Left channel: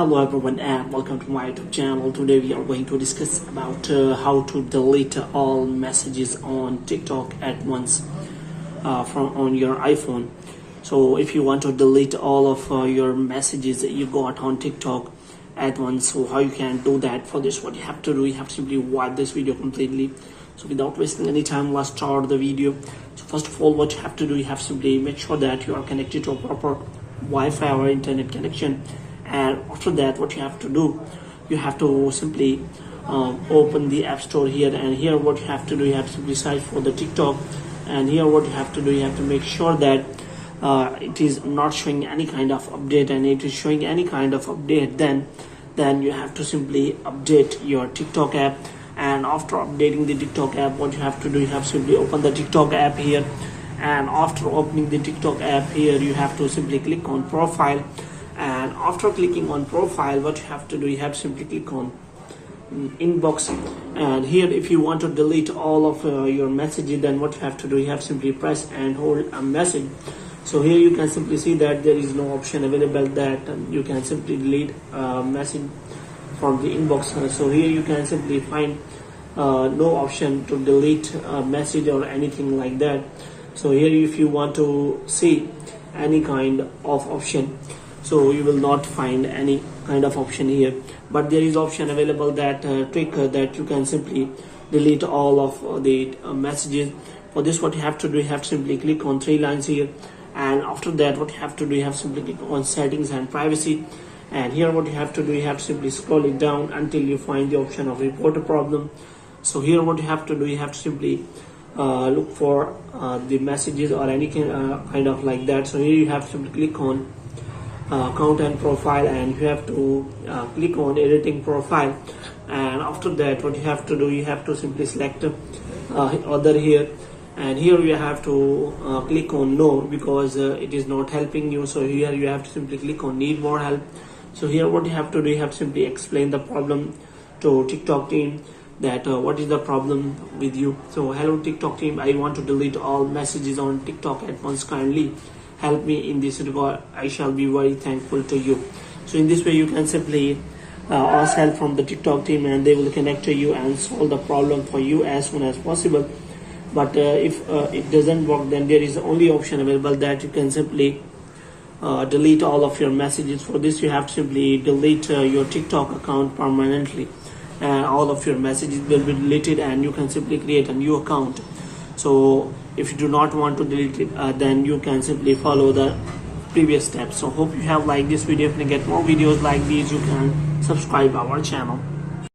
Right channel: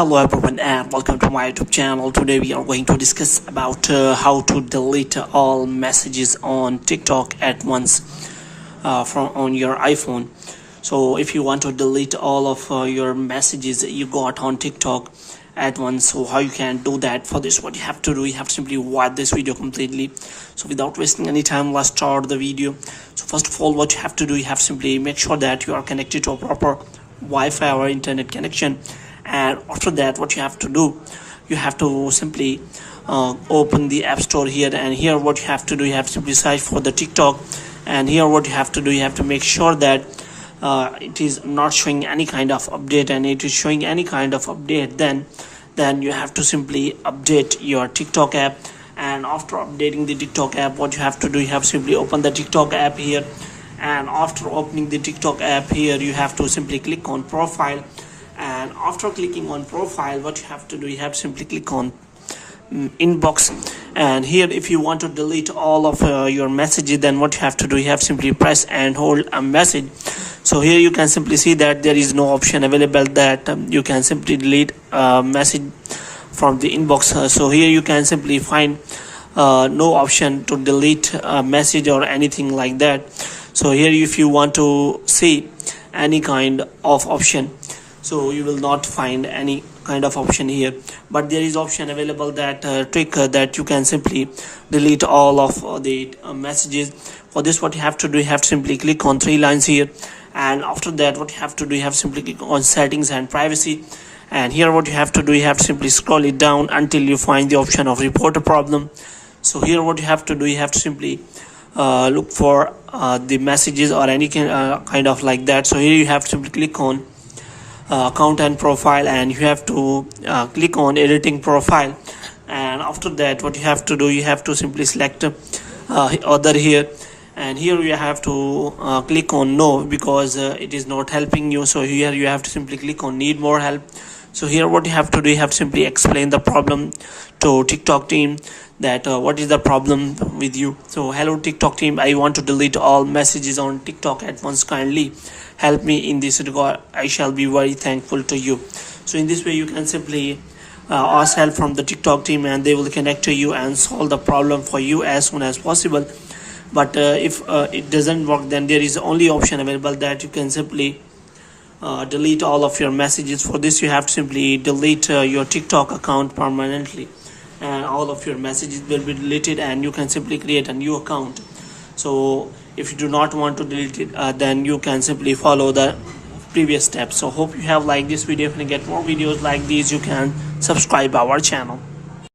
Hello everyone and welcome to my YouTube channel. Today we are going to discuss about how to delete all messages on TikTok at once from on your iPhone. So if you want to delete all of your messages that you got on TikTok at once, so how you can do that? For this, what you have to do, you have to simply watch this video completely. So without wasting any time, let's start the video. So first of all, what you have to do, you have to simply make sure that you are connected to a proper Wi-Fi or internet connection. And after that, what you have to do, you have to simply open the App Store here, and here what you have to do, you have to simply search for the TikTok. And here what you have to do, you have to make sure that it is not showing any kind of update, and it is showing any kind of update, then you have to simply update your TikTok app. And after updating the TikTok app, what you have to do, you have to simply open the TikTok app here, and after opening the TikTok app here, you have to simply click on profile. And after clicking on profile, what you have to do, you have to simply click on inbox. And here if you want to delete all of your messages, then what you have to do, you have simply press and hold a message. So here you can simply see that there is no option available that you can simply delete a message from the inbox. So here you can simply find no option to delete a message or anything like that. So here if you want to see any kind of option, so you will not find any kind of option here, but there is option available that trick that you can simply delete all of the messages. For this, what you have to do, you have to simply click on three lines here, and after that what you have to do, you have to simply click on settings and privacy. And here what you have to do, you have to simply scroll it down until you find the option of report a problem. So here what you have to do, you have to simply look for the messages or any kind of like that. So here you have to simply click on account and profile, and you have to click on editing profile. And after that, what you have to do, you have to simply select other here, and here you have to click on no, because it is not helping you. So here you have to simply click on need more help. So here what you have to do, you have to simply explain the problem to TikTok team, that what is the problem with you. So hello TikTok team, I want to delete all messages on TikTok at once, kindly help me in this regard, I shall be very thankful to you. So in this way you can simply ask help from the TikTok team, and they will connect to you and solve the problem for you as soon as possible. But if it doesn't work, then there is only option available that you can simply delete all of your messages. For this, you have to simply delete your TikTok account permanently, and all of your messages will be deleted, and you can simply create a new account. So if you do not want to delete it, then you can simply follow the previous steps. So hope you have liked this video. If you get more videos like these, you can subscribe our channel.